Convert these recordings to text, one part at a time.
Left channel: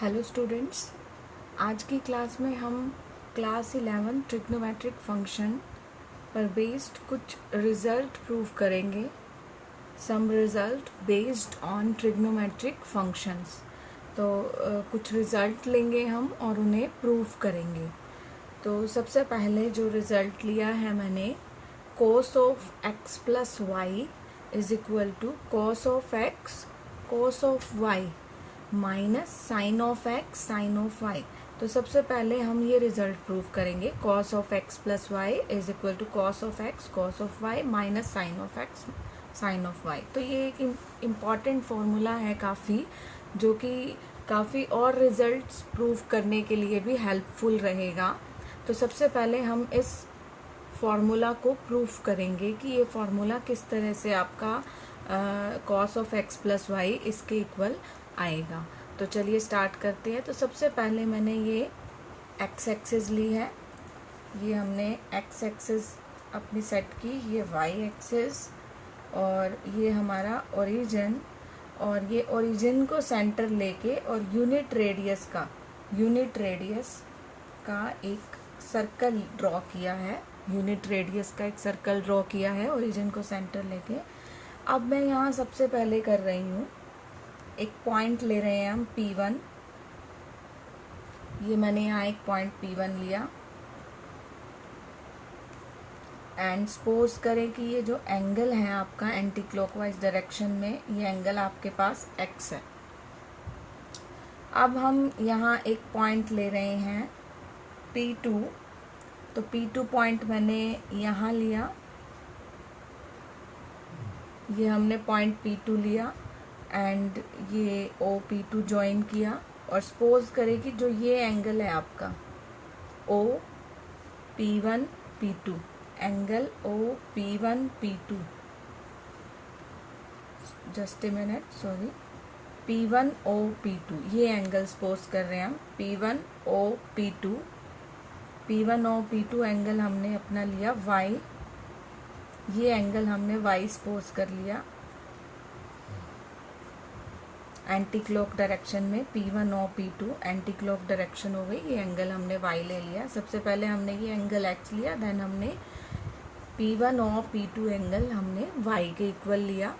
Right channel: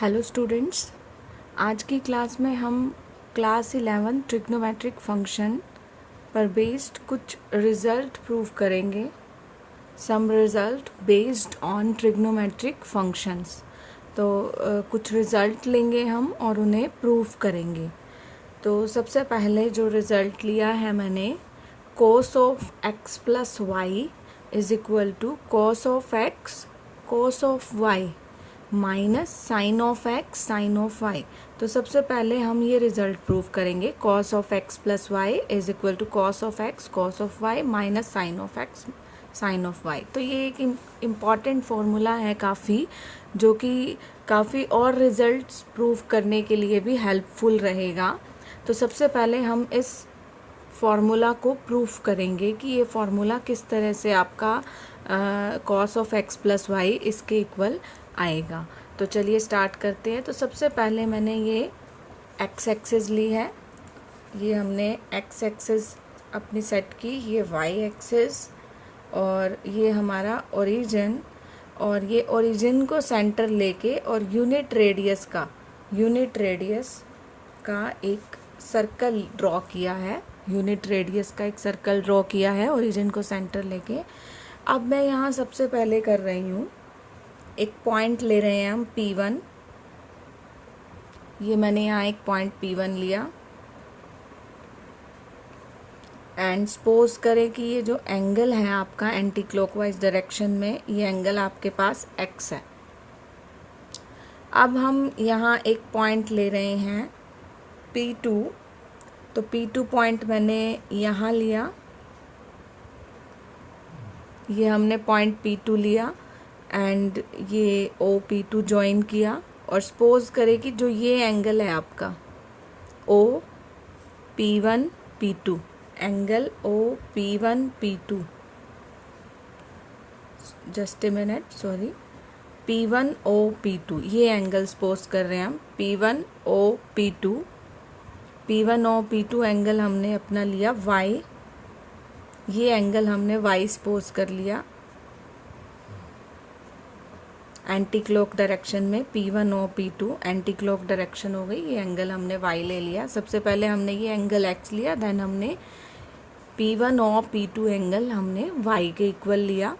Hello students, आज की class में हम क्लास 11 ट्रिग्नोमेट्रिक फंक्शन पर बेस्ड कुछ रिज़ल्ट प्रूव करेंगे। Some result based on trigonometric functions. तो कुछ रिज़ल्ट लेंगे हम और उन्हें प्रूव करेंगे। तो सबसे पहले जो रिज़ल्ट लिया है मैंने, cos of x plus y is equal to cos of x cos of y minus sine of x sine of y. तो सबसे पहले हम ये रिजल्ट प्रूव करेंगे, cos of x plus y is equal to cos of x cos of y minus sine of x sine of y. तो ये एक important formula है काफ़ी, जो कि काफ़ी और रिजल्ट्स प्रूव करने के लिए भी हेल्पफुल रहेगा। तो सबसे पहले हम इस फॉर्मूला को प्रूव करेंगे कि ये फॉर्मूला किस तरह से आपका cos of x plus y इसके इक्वल आएगा। तो चलिए स्टार्ट करते हैं। तो सबसे पहले मैंने ये एक्स एक्सिस ली है, ये हमने एक्स एक्सिस अपनी सेट की, ये वाई एक्सिस और ये हमारा ओरिजिन, और ये ओरिजिन को सेंटर लेके और यूनिट रेडियस का एक सर्कल ड्रॉ किया है। यूनिट रेडियस का एक सर्कल ड्रॉ किया है ओरिजिन को सेंटर लेके। अब मैं यहाँ सबसे पहले कर रही हूँ, एक पॉइंट ले रहे हैं हम P1। ये मैंने यहाँ एक पॉइंट P1 लिया एंड सपोज करें कि ये जो एंगल है आपका एंटी क्लॉकवाइज डायरेक्शन में, ये एंगल आपके पास x है। अब हम यहाँ एक पॉइंट ले रहे हैं P2। तो P2 पॉइंट मैंने यहाँ लिया, ये हमने पॉइंट P2 लिया एंड ये OP2 ज्वाइन किया। और सपोज करें कि जो ये एंगल है आपका OP1 P2, angle OP1 P2, just a minute, sorry, P1 OP2, ये एंगल सपोज कर रहे हैं हम P1 OP2। P1 OP2 angle हमने अपना लिया Y, ये एंगल हमने Y सपोज कर लिया एंटी क्लॉक डायरेक्शन में। P1 और P2 एंटी क्लॉक डायरेक्शन हो गई, ये एंगल हमने Y ले लिया। सबसे पहले हमने ये एंगल X लिया, देन हमने P1 और P2 एंगल हमने Y के इक्वल लिया।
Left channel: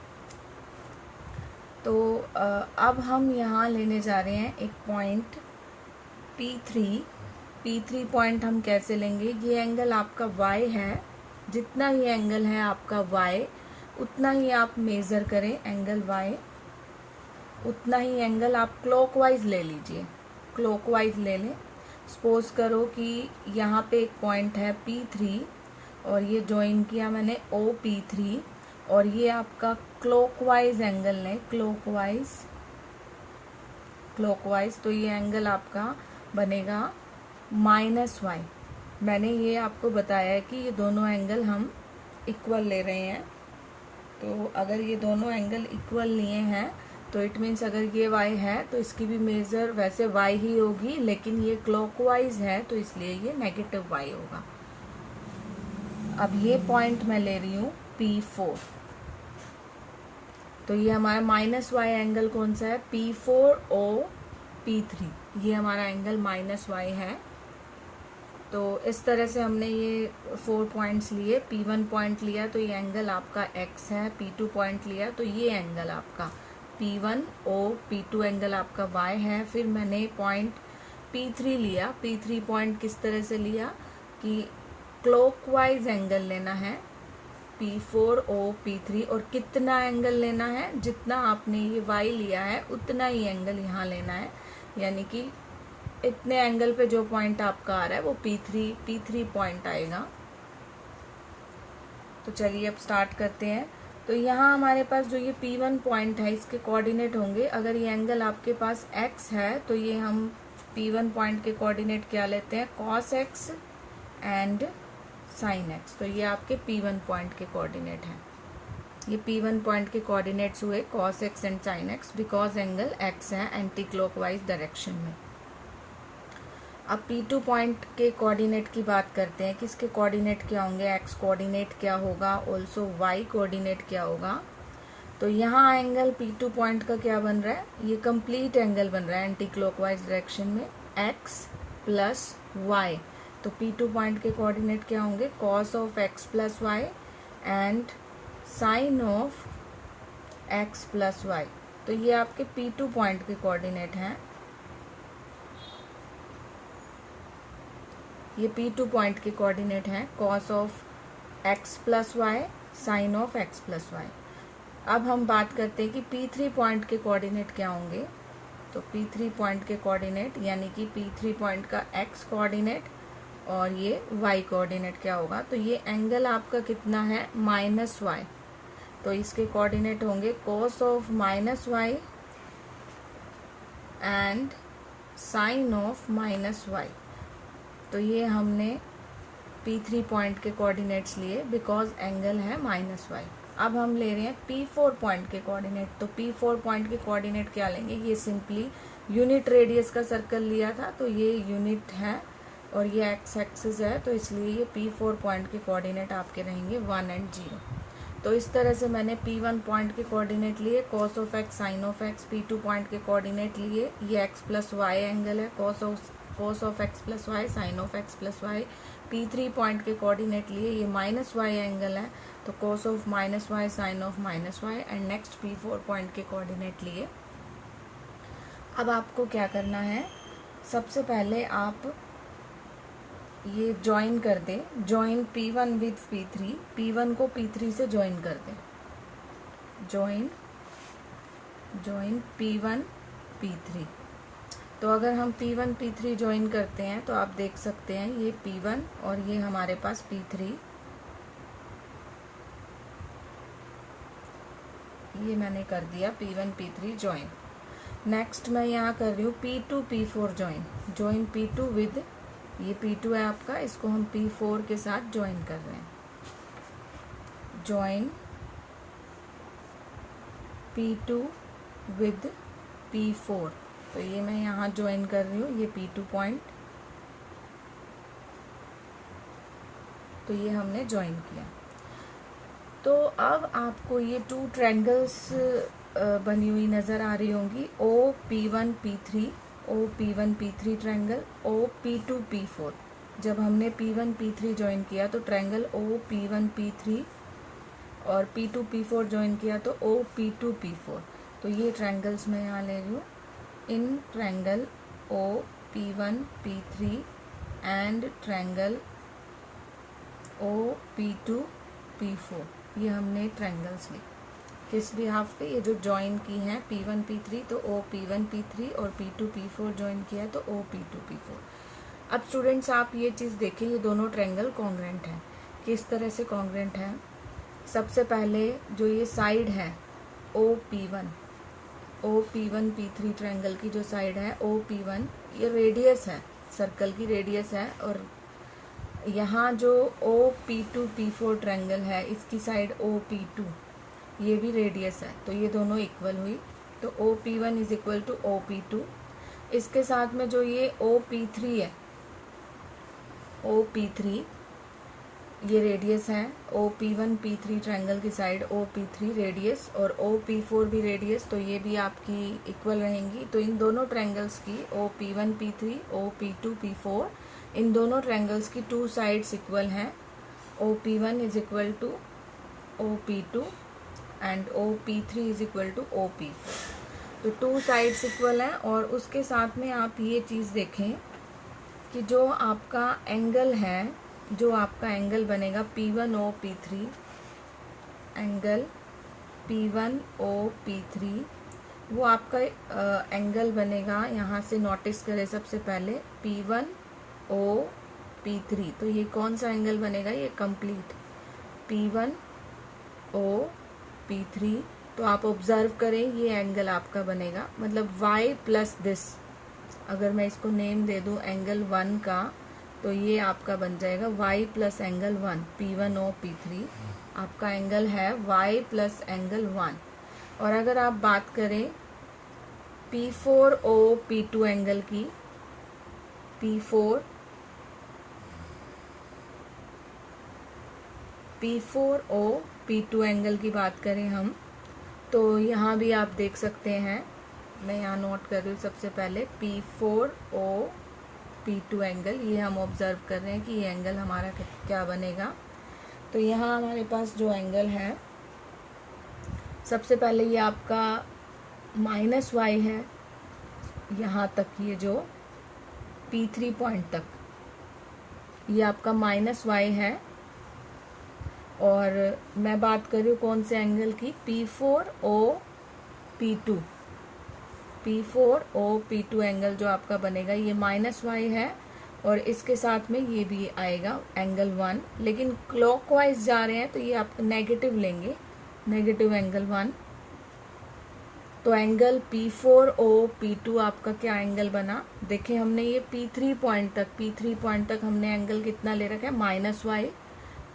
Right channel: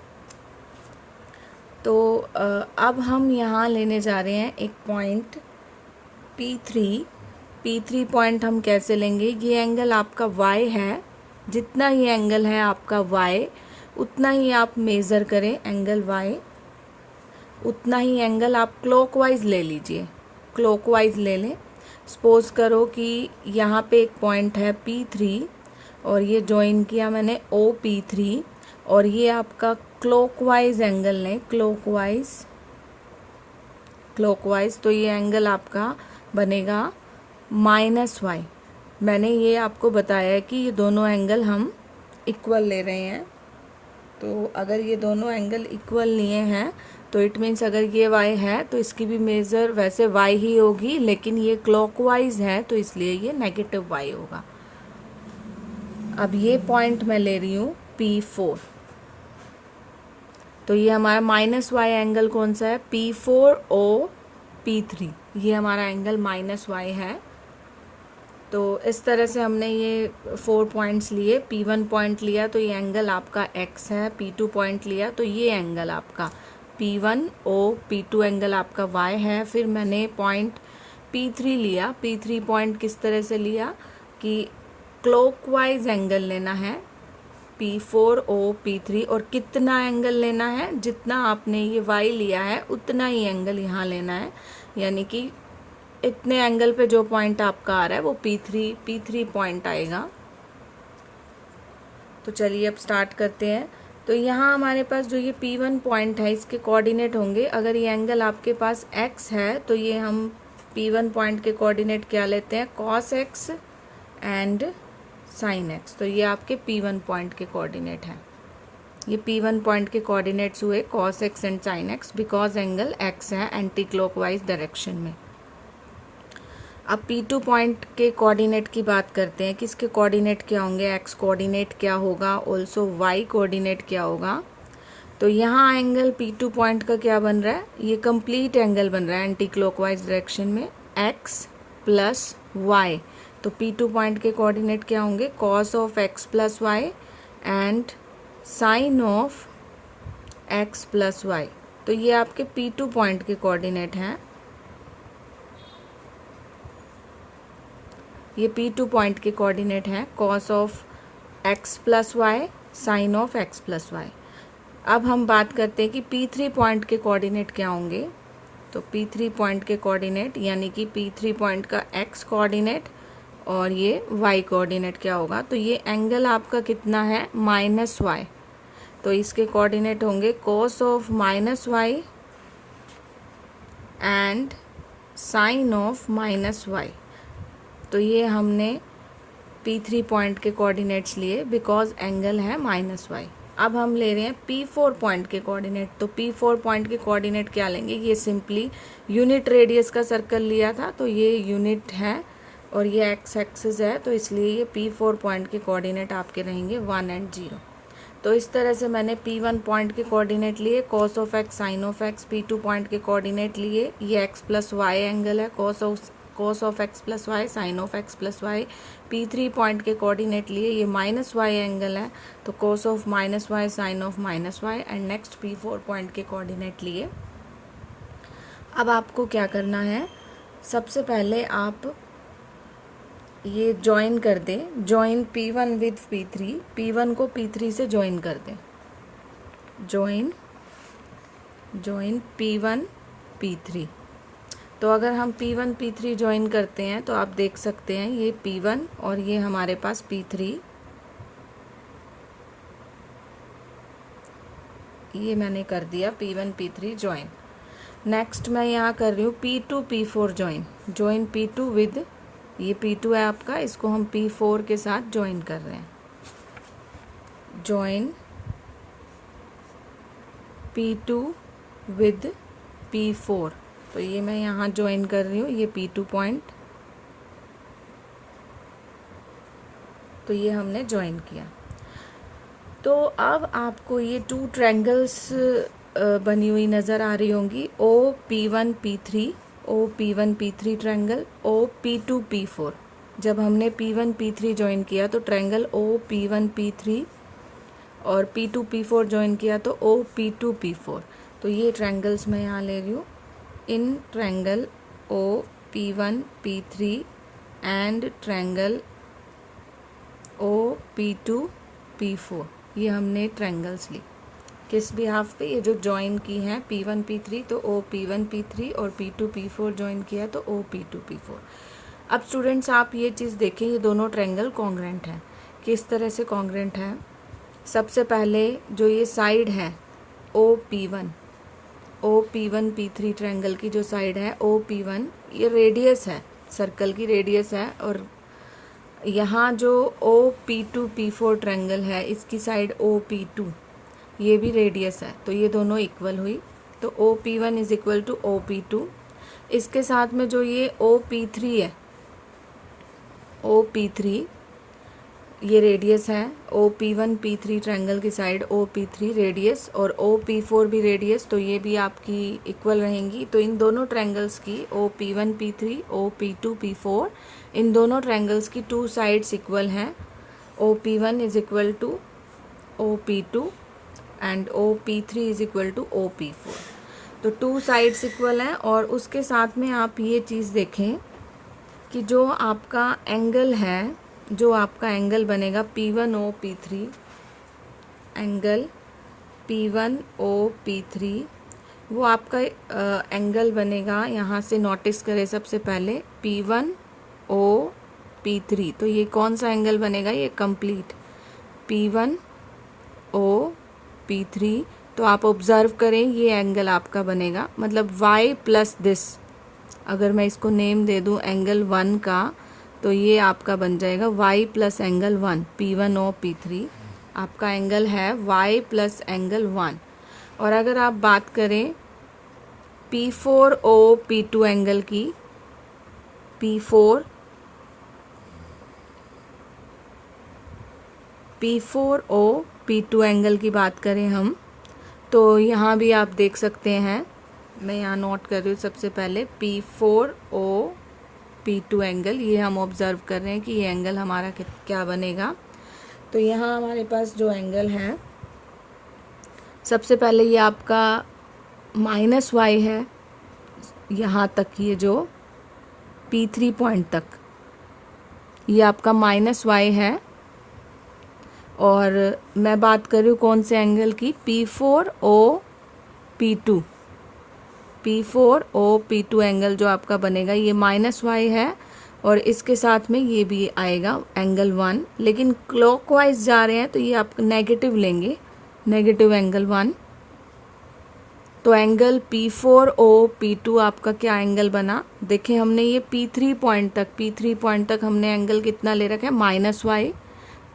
तो अब हम यहाँ लेने जा रहे हैं एक पॉइंट P3 पॉइंट हम कैसे लेंगे, ये एंगल आपका Y है, जितना ही एंगल है आपका Y उतना ही आप मेज़र करें एंगल Y, उतना ही एंगल आप क्लॉकवाइज ले लीजिए, क्लॉकवाइज ले लें। सपोज करो कि यहाँ पे एक पॉइंट है P3 और ये ज्वाइन किया मैंने OP3, और ये आपका क्लॉकवाइज एंगल लें, क्लॉकवाइज। तो ये एंगल आपका बनेगा -y। मैंने ये आपको बताया है कि ये दोनों एंगल हम इक्वल ले रहे हैं। तो अगर ये दोनों एंगल इक्वल लिए हैं तो इट मीन्स अगर ये y है तो इसकी भी मेज़र वैसे y ही होगी, लेकिन ये क्लॉकवाइज है तो इसलिए ये नेगेटिव y होगा। अब ये पॉइंट मैं ले रही हूँ P4। तो ये हमारा -y एंगल कौन सा है, P4 O P3, ये हमारा एंगल -y है। तो इस तरह से हमने ये 4 पॉइंट्स लिए। P1 पॉइंट लिया तो ये एंगल आपका x है, P2 पॉइंट लिया तो ये एंगल आपका P1 O P2 एंगल आपका y है। फिर मैंने पॉइंट P3 लिया। P3 पॉइंट किस तरह से लिया कि क्लॉकवाइज एंगल लेना है P4 O P3, और कितना एंगल लेना है, जितना आपने ये y लिया है उतना ही एंगल यहाँ लेना है, यानी कि इतने एंगल पे जो पॉइंट आपका आ रहा है वो P3 पॉइंट आएगा। तो चलिए अब स्टार्ट करते हैं। तो यहाँ हमारे पास जो ये P1 पॉइंट है इसके कोऑर्डिनेट होंगे, अगर ये एंगल आपके पास x है तो ये हम P1 पॉइंट के कोऑर्डिनेट क्या लेते हैं, cos x and sin x। तो ये आपके P1 पॉइंट के कोऑर्डिनेट हैं। ये P1 पॉइंट के कोऑर्डिनेट्स हुए cos x and sin x, because angle x है एंटी क्लॉकवाइज डायरेक्शन में। अब P2 पॉइंट के कोऑर्डिनेट की बात करते हैं कि इसके कोऑर्डिनेट क्या होंगे, x कोऑर्डिनेट क्या होगा, ऑल्सो y कोऑर्डिनेट क्या होगा। तो यहाँ एंगल P2 पॉइंट का क्या बन रहा है, ये कंप्लीट एंगल बन रहा है एंटी क्लॉकवाइज डायरेक्शन में x प्लस वाई। तो P2 पॉइंट के कोऑर्डिनेट क्या होंगे, cos of x plus y and sine of x plus y. तो ये आपके P2 पॉइंट के कोऑर्डिनेट हैं, ये P2 पॉइंट के कोऑर्डिनेट हैं, cos of x plus y, sine of x plus y. अब हम बात करते हैं कि P3 पॉइंट के कोऑर्डिनेट क्या होंगे। तो P3 पॉइंट के कोऑर्डिनेट यानी कि P3 पॉइंट का x कोऑर्डिनेट और ये y कोऑर्डिनेट क्या होगा, तो ये एंगल आपका कितना है, माइनस वाई। तो इसके कोऑर्डिनेट होंगे cos of minus y and sine of minus y. तो ये हमने P3 पॉइंट के कोऑर्डिनेट्स लिए बिकॉज एंगल है माइनस वाई। अब हम ले रहे हैं P4 पॉइंट के कोऑर्डिनेट। तो P4 पॉइंट के कोऑर्डिनेट क्या लेंगे, ये सिंपली यूनिट रेडियस का सर्कल लिया था, तो ये यूनिट है और ये एक्स एक्सिस है, तो इसलिए ये P4 पॉइंट के कोऑर्डिनेट आपके रहेंगे 1 एंड 0। तो इस तरह से मैंने P1 पॉइंट के कोऑर्डिनेट लिए, cos of x sine of x. P2 point के कोऑर्डिनेट लिए, ये x प्लस वाई एंगल है, cos of x plus y sine of x plus y. P3 point के कोऑर्डिनेट लिए, ये माइनस वाई एंगल है, तो cos of minus y sine of minus y. And next P4 point के coordinate लिए। अब आपको क्या करना है, सबसे पहले आप ये ज्वाइन कर दें, join P1 with P3, P1 को P3 से ज्वाइन कर दें, ज्वाइन P1 P3। तो अगर हम P1 P3 ज्वाइन करते हैं तो आप देख सकते हैं ये P1 और ये हमारे पास P3, ये मैंने कर दिया P1 P3 ज्वाइन। नेक्स्ट मैं यहाँ कर रही हूँ P2 P4 join P2 with, ये P2 है आपका, इसको हम P4 के साथ ज्वाइन कर रहे हैं, ज्वाइन P2 विद P4। तो ये मैं यहाँ ज्वाइन कर रही हूँ, ये P2 पॉइंट, तो ये हमने ज्वाइन किया। तो अब आपको ये 2 ट्रायंगल्स बनी हुई नज़र आ रही होंगी, OP1 P3, OP1 P3 triangle, OP2 P4। जब हमने P1 P3 ज्वाइन किया तो ट्रायंगल OP1 P3 और P2 P4 ज्वाइन किया तो OP2 P4। तो ये ट्रायंगल्स मैं यहाँ ले रही हूँ, in triangle OP1 P3 and triangle OP2 P4, ये हमने ट्रायंगल्स ली किस भी हाफ पे, ये जो ज्वाइन की हैं P1 P3 तो OP1 P3 और P2 P4 ज्वाइन किया तो OP2 P4। अब स्टूडेंट्स आप ये चीज़ देखें, ये दोनों ट्रायंगल कॉन्ग्रेंट हैं। किस तरह से कॉन्ग्रेंट है, सबसे पहले जो ये साइड है OP1 P3 ट्रायंगल की जो साइड है OP1, ये रेडियस है, सर्कल की रेडियस है, और यहाँ जो OP2 P4 ट्रायंगल है इसकी साइड OP2, ये भी रेडियस है, तो ये दोनों इक्वल हुई। तो OP1 is equal to OP2। इसके साथ में जो ये OP3 है, OP3 ये रेडियस है, OP1 P3 ट्रायंगल की साइड OP3 रेडियस और OP4 भी रेडियस, तो ये भी आपकी इक्वल रहेंगी। तो इन दोनों ट्रायंगल्स की OP1 P3 OP2 P4, इन दोनों ट्रायंगल्स की 2 साइड्स इक्वल हैं। OP1 is equal to OP2 and OP3 is equal to OP4। तो 2 साइड्स इक्वल हैं। और उसके साथ में आप ये चीज़ देखें कि जो आपका एंगल है, जो आपका एंगल बनेगा P1O P3, angle P1O P3, वो आपका एंगल बनेगा, यहाँ से नोटिस करें सबसे पहले P1O P3। तो ये कौन सा एंगल बनेगा, ये कंप्लीट P1O P3। तो आप ऑब्जर्व करें ये एंगल आपका बनेगा, मतलब y प्लस दिस, अगर मैं इसको नेम दे दूँ एंगल 1 का, तो ये आपका बन जाएगा y plus angle 1, P1O P3 आपका एंगल है y प्लस एंगल 1। और अगर आप बात करें P4O P2 एंगल की, P4O P2 एंगल की बात करें हम, तो यहाँ भी आप देख सकते हैं, मैं यहाँ नोट कर रही हूँ सबसे पहले P4O P2 एंगल, ये हम ऑब्ज़र्व कर रहे हैं कि ये एंगल हमारा क्या बनेगा। तो यहाँ हमारे पास जो एंगल है, सबसे पहले ये आपका -y है, यहाँ तक ये जो P3 पॉइंट तक ये आपका -y है। और मैं बात कर रही हूँ कौन से एंगल की, P4O P2 एंगल जो आपका बनेगा ये -y है, और इसके साथ में ये भी आएगा एंगल 1, लेकिन क्लॉकवाइज जा रहे हैं तो ये आप नेगेटिव लेंगे, नेगेटिव एंगल 1। तो एंगल P4O P2 आपका क्या एंगल बना, देखिए हमने ये P3 पॉइंट तक हमने एंगल कितना ले रखा है, -y।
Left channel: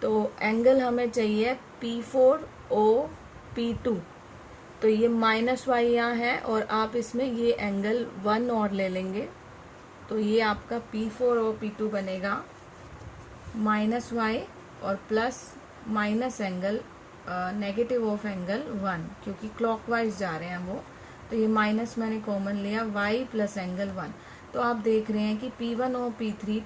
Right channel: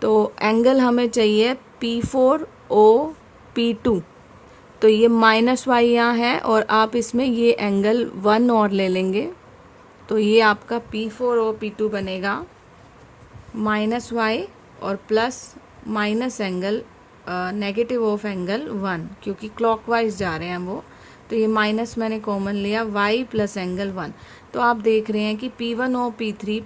तो एंगल हमें चाहिए P4O P2, तो ये -y यहाँ है, और आप इसमें ये एंगल 1 और ले लेंगे, तो ये आपका P4O P2 बनेगा -y और plus minus angle negative of angle 1, क्योंकि क्लॉकवाइज जा रहे हैं वो, तो ये माइनस मैंने कॉमन लिया, y प्लस एंगल 1। तो आप देख रहे हैं कि P1O P3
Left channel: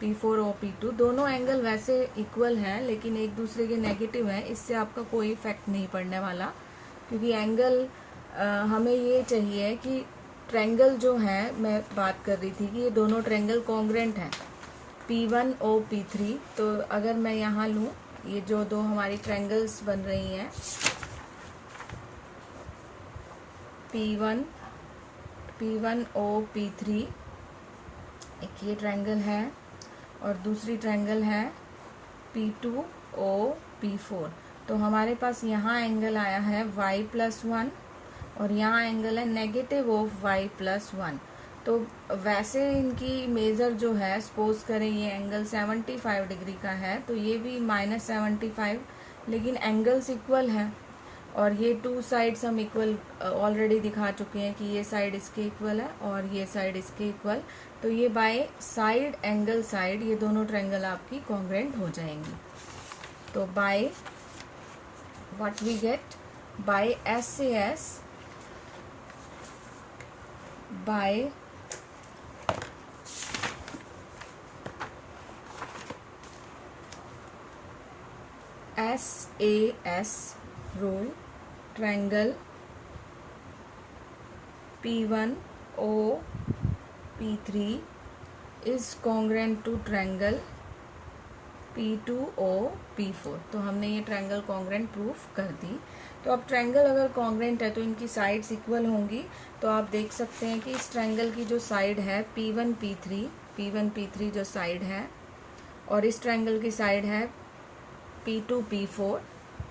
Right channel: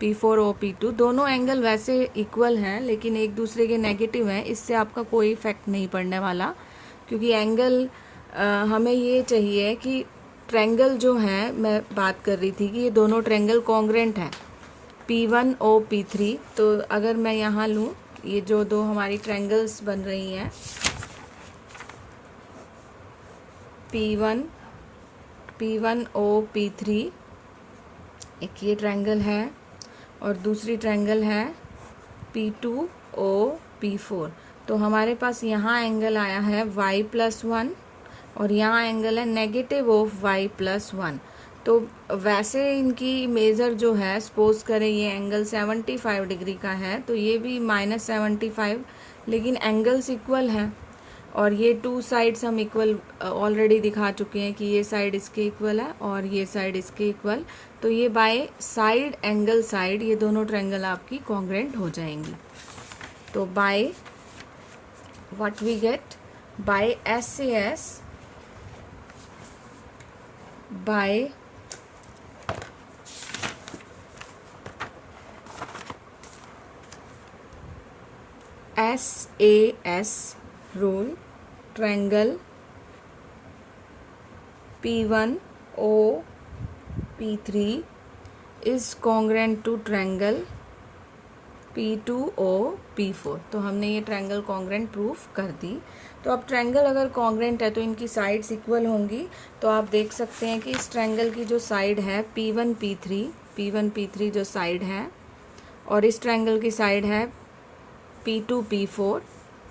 P4O P2 दोनों एंगल वैसे इक्वल हैं, लेकिन एक दूसरे के नेगेटिव हैं। इससे आपका कोई इफेक्ट नहीं पड़ने वाला, क्योंकि एंगल हमें ये चाहिए कि ट्रायंगल जो है, मैं बात कर रही थी कि ये दोनों ट्रायंगल कॉन्ग्रेंट हैं, P1O P3। तो अगर मैं यहाँ लूँ, ये जो दो हमारी ट्रायंगल्स बन रही हैं, P1O P3, एक ये ट्रायंगल है और दूसरी ट्रायंगल है P2O P4। तो हमारे पास यहाँ एंगल आया है y प्लस 1 और यहाँ एंगल है नेगेटिव ऑफ y प्लस 1। तो वैसे इनकी मेज़र जो है, सपोज करें ये एंगल 75 डिग्री का है, तो ये भी -75, लेकिन एंगल्स इक्वल हैं, और ये टू साइड्स हम इक्वल ऑलरेडी दिखा चुके हैं कि ये साइड इसके इक्वल है और ये साइड इसके इक्वल। तो ये बाय साइड एंगल साइड ये दोनों ट्रायंगल आपकी कॉन्ग्रेंट हो जाएंगी। तो by what we get, by SAS, by SAS rule, triangle P1O P3 is congruent to triangle P2O P4। तो हमने ये ट्रायंगल कॉन्ग्रेंट प्रूफ कर दी। तो अब ट्रायंगल अगर कॉन्ग्रेंट है तो इनकी साइड्स इक्वल होंगी। तो आप देख सकते हैं कि इस ट्रायंगल की जो साइड है P1 P3 जो साइड है, और इस ट्रायंगल की साइड है P2 P4,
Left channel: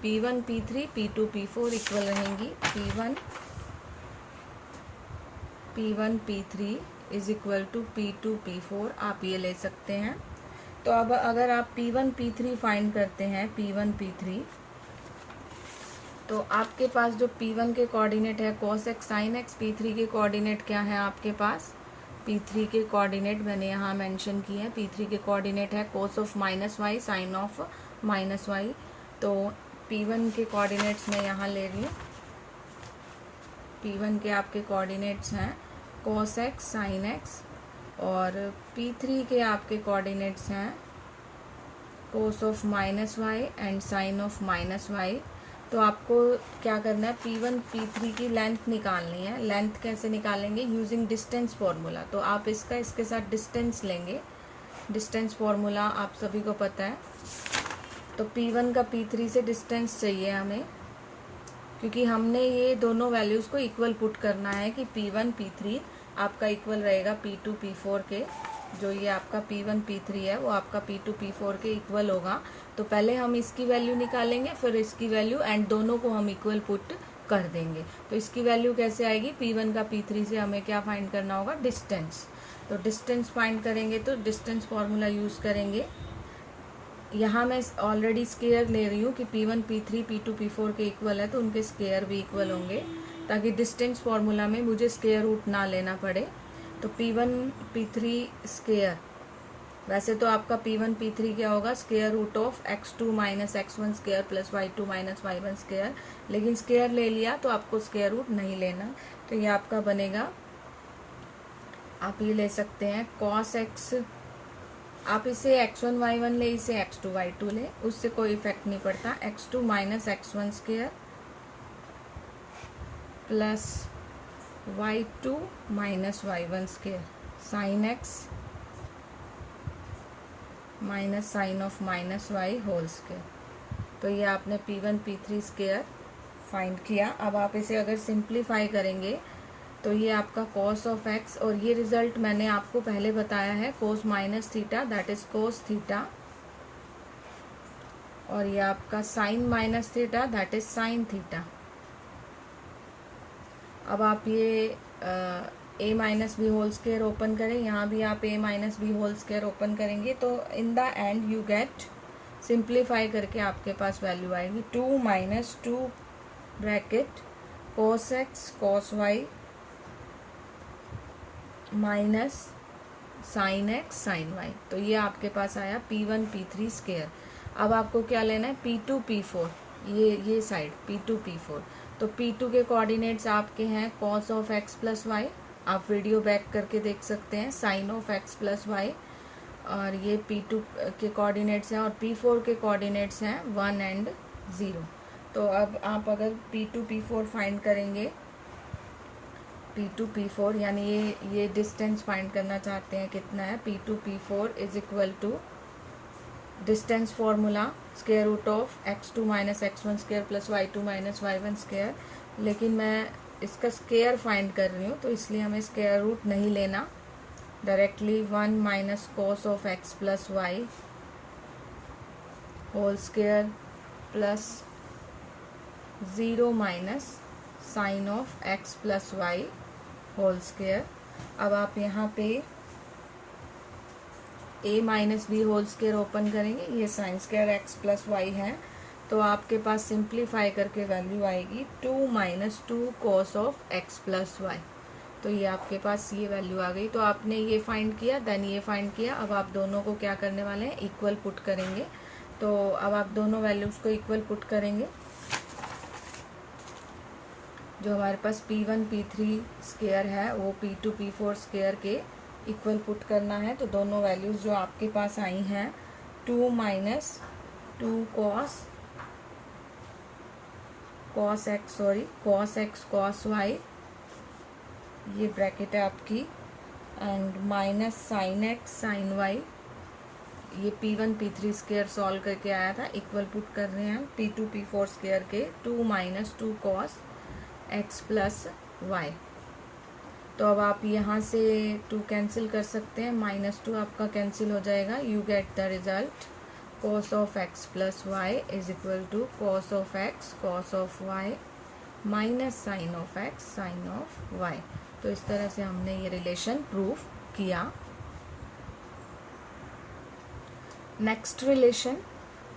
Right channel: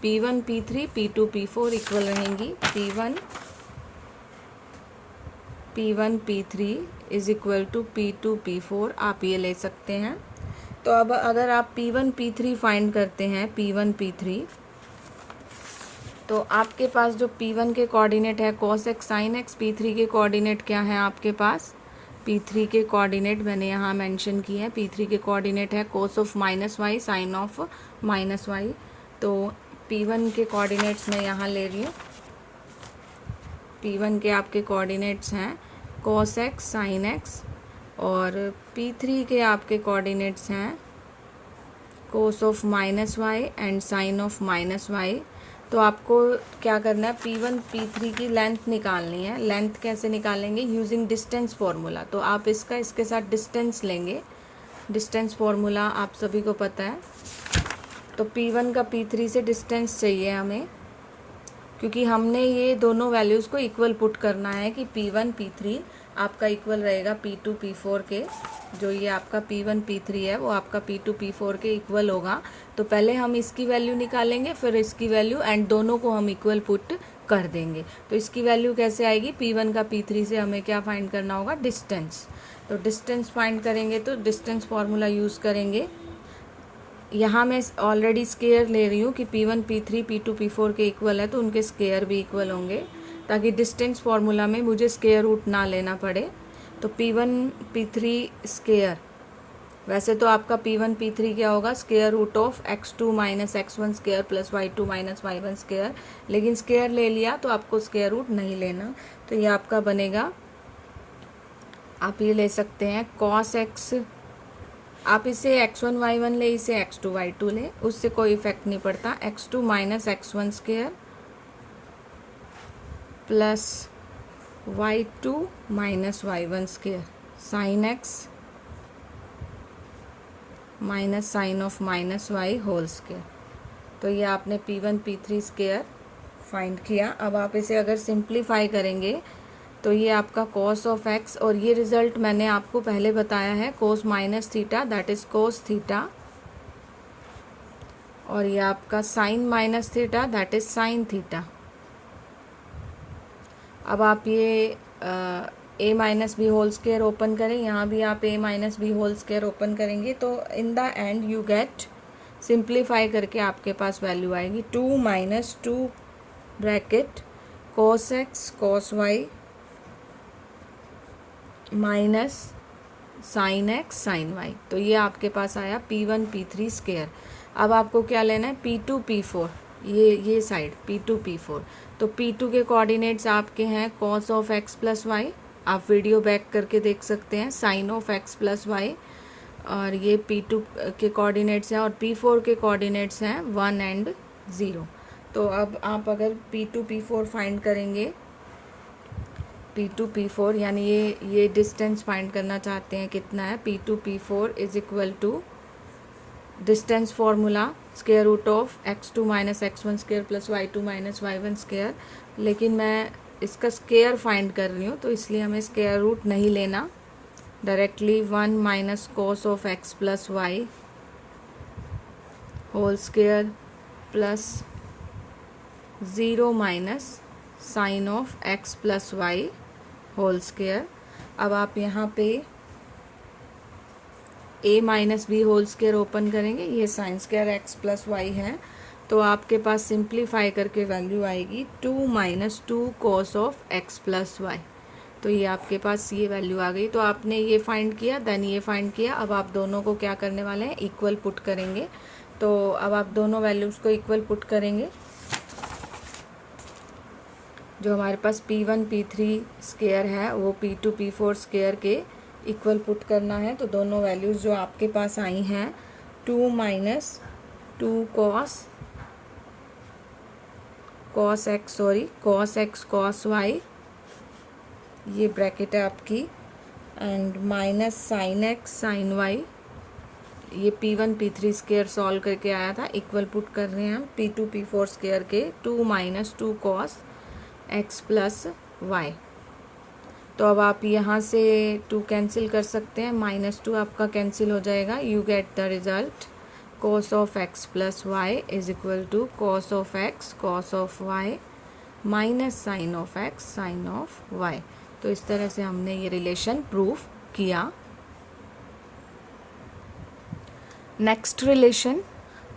P1 P3 P2 P4 equal रहेंगी। P1 P3 is equal to P2 P4, आप ये ले सकते हैं। तो अब अगर आप P1 P3 फाइंड करते हैं, P1 P3, तो आपके पास जो P1 के कोऑर्डिनेट है cos x sin x, P3 के कोऑर्डिनेट क्या है आपके पास, P3 के कोऑर्डिनेट मैंने यहाँ मेंशन किए हैं। P3 के कोऑर्डिनेट है cos of -y sin of -y। तो P1 के कोऑर्डिनेट्स मैं यहाँ ले रही हूँ, P1 के आपके कोऑर्डिनेट्स हैं cos x sin x, और P3 के आपके कोऑर्डिनेट्स हैं cos of -y and sin of -y। तो आपको क्या करना है, P1 P3 की लेंथ निकालनी है। लेंथ कैसे निकालेंगे, यूजिंग डिस्टेंस फार्मूला। तो आप इसके साथ डिस्टेंस लेंगे, डिस्टेंस फार्मूला आप सभी को पता है। तो P1 का P3 से डिस्टेंस चाहिए हमें, क्योंकि हमने ये दोनों वैल्यूज़ को इक्वल पुट करना है कि P1 P3 आपका इक्वल रहेगा P2 P4 के। जो ये आपका P1 P3 है वो आपका P2 P4 के इक्वल होगा। तो पहले हम इसकी वैल्यू निकालेंगे, फिर इसकी वैल्यू, एंड दोनों को हम इक्वल पुट कर देंगे। तो इसकी वैल्यू कैसे आएगी, P1 का P3 से हमें क्या फाइंड करना होगा, डिस्टेंस। तो डिस्टेंस फाइंड करेंगे तो डिस्टेंस फार्मूला यूज़ करेंगे। यहाँ मैं ऑलरेडी स्केयर ले रही हूँ कि P1 P3 P2 P4 के इक्वल है, तो उनके स्केयर भी इक्वल होंगे, ताकि डिस्टेंस फार्मूला में मुझे स्केयर रूट ना लेना पड़े। तो P1 P3 स्केयर वैसे तो आपका P1 P3 क्या होगा, square root of x2 minus x1 square plus y2 minus y1 square, लेकिन स्क्वायर ले लिया तो आपको स्क्वायर रूट नहीं लेना। तो ये आपका बनेगा, आप ये ले सकते हैं cos x, आप इसे x1 y1 ले, इसे x2 y2 ले, उससे कोई इफेक्ट नहीं पड़ता। x2 minus x1 square plus y2 minus y1 square sine x minus sine of minus y whole square. तो ये आपने P1 P3 स्क्वायर फाइंड किया। अब आप इसे अगर सिंप्लीफाई करेंगे तो ये आपका cos ऑफ x, और ये रिजल्ट मैंने आपको पहले बताया है, cos minus theta that is cos theta, और ये आपका sine minus theta that is sine theta. अब आप ये a minus b whole square open करें, यहाँ भी आप a minus b whole square open करेंगे तो in the end you get, simplify करके आपके पास वैल्यू आएगी 2 minus 2 bracket cos x cos y minus sine x sine y। तो ये आपके पास आया P1 P3 स्क्वायर। अब आपको क्या लेना है, P2 P4, ये साइड P2 P4। तो P2 के कोऑर्डिनेट्स आपके हैं cos of x plus y, आप वीडियो बैक करके देख सकते हैं, sine of x plus y, और ये P2 के कोऑर्डिनेट्स हैं, और P4 के कोऑर्डिनेट्स हैं 1 एंड 0। तो अब आप अगर P2 P4 फाइंड करेंगे, P2 P4 यानी ये डिस्टेंस फाइंड करना चाहते हैं कितना है, P2 P4 is equal to distance formula square root of x2 minus x1 square plus y2 minus y1 square, लेकिन मैं इसका स्क्वायर फाइंड कर रही हूँ तो इसलिए हमें स्क्वायर रूट नहीं लेना, directly 1 minus cos of x plus y whole square plus 0 minus sine of x plus y whole square. अब आप यहाँ पे a minus b whole square open करेंगे, ये sine square x plus y है, तो आपके पास सिंप्लीफाई करके वैल्यू आएगी 2 minus 2 cos of x plus y. तो ये आपके पास ये वैल्यू आ गई। तो आपने ये फाइंड किया, देन ये फाइंड किया। अब आप दोनों को क्या करने वाले हैं, इक्वल पुट करेंगे। तो अब आप दोनों वैल्यूज़ को इक्वल पुट करेंगे, जो हमारे पास P1 P3 स्क्वायर है वो P2 P4 स्क्वायर के इक्वल पुट करना है। तो दोनों वैल्यूज़ जो आपके पास आई हैं 2 minus 2 cos x cos y, ये ब्रैकेट है आपकी, and minus sine x sine y, ये P1 P3 स्क्वायर सॉल्व करके आया था, इक्वल पुट कर रहे हैं हम P2 P4 स्क्वायर के 2 minus 2 cos x plus y. तो अब आप यहाँ से 2 कैंसिल कर सकते हैं, माइनस 2 आपका कैंसिल हो जाएगा, you get the result cos of x plus y is equal to cos of x cos of y minus sine of x sine of y। तो इस तरह से हमने ये रिलेशन प्रूव किया। Next relation,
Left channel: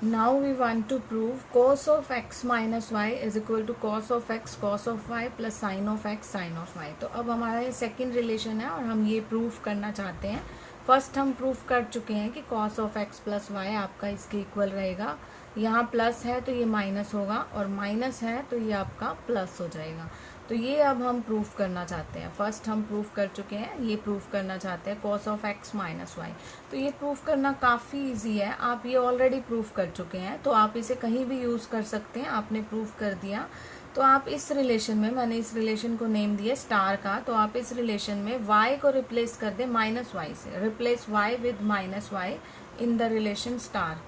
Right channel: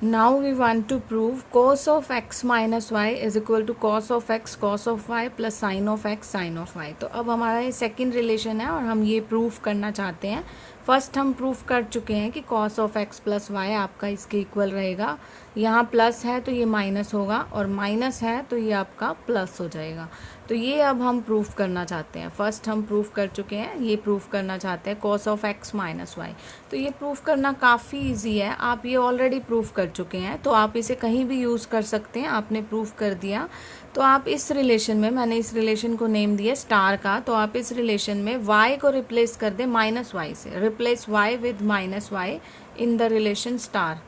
now we want to prove cos of x minus y is equal to cos of x cos of y plus sine of x sine of y। तो अब हमारा ये सेकेंड रिलेशन है और हम ये prove करना चाहते हैं। फर्स्ट हम प्रूफ कर चुके हैं कि cos of x plus y आपका इसके इक्वल रहेगा, यहाँ प्लस है तो ये माइनस होगा, और माइनस है तो ये आपका प्लस हो जाएगा। तो ये अब हम प्रूफ करना चाहते हैं। फर्स्ट हम प्रूफ कर चुके हैं, ये प्रूफ करना चाहते हैं cos of x minus y. तो ये प्रूफ करना काफ़ी इजी है, आप ये ऑलरेडी प्रूफ कर चुके हैं, तो आप इसे कहीं भी यूज़ कर सकते हैं। आपने प्रूफ कर दिया तो आप इस रिलेशन में, मैंने इस रिलेशन को नेम दिया स्टार का, तो आप इस रिलेशन में y को रिप्लेस कर दें माइनस वाई से, replace y with minus y in the relation star,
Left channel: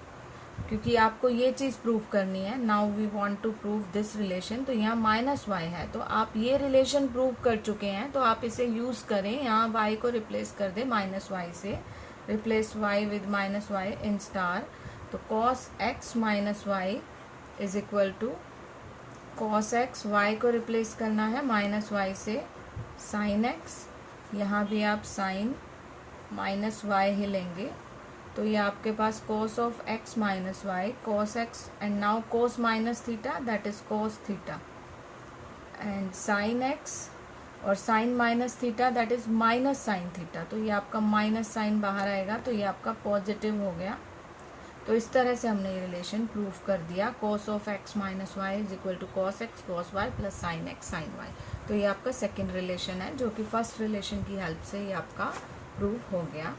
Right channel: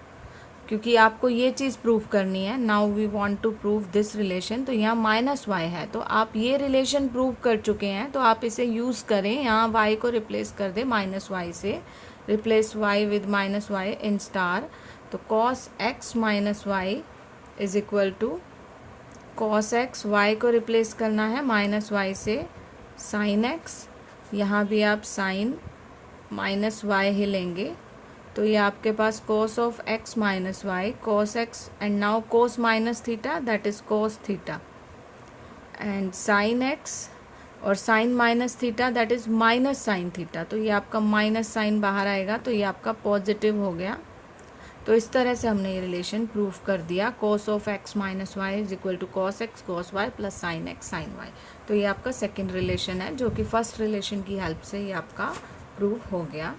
क्योंकि आपको ये चीज़ प्रूफ करनी है। Now we want to prove this relation. तो यहाँ माइनस वाई है, तो आप ये रिलेशन प्रूव कर चुके हैं, तो आप इसे यूज़ करें, यहाँ y को रिप्लेस कर दें माइनस वाई से, replace y with minus y in star. तो cos x minus y is equal to cos x, y को रिप्लेस करना है माइनस वाई से, साइन x, यहाँ भी आप साइन माइनस वाई ही लेंगे। तो ये आपके पास cos of x minus y, cos x and now cos minus theta that is cos theta, and sine x और sine minus theta that is minus sine theta, तो ये आपका minus sign बाहर आएगा तो ये आपका पॉजिटिव हो गया। तो इस तरह से हमने ये रिलेशन प्रूफ कर दिया, cos of x minus y is equal to cos x cos y plus sine x sine y। तो ये आपका सेकेंड रिलेशन है जो कि फर्स्ट रिलेशन की हेल्प से ये आपका प्रूफ हो गया।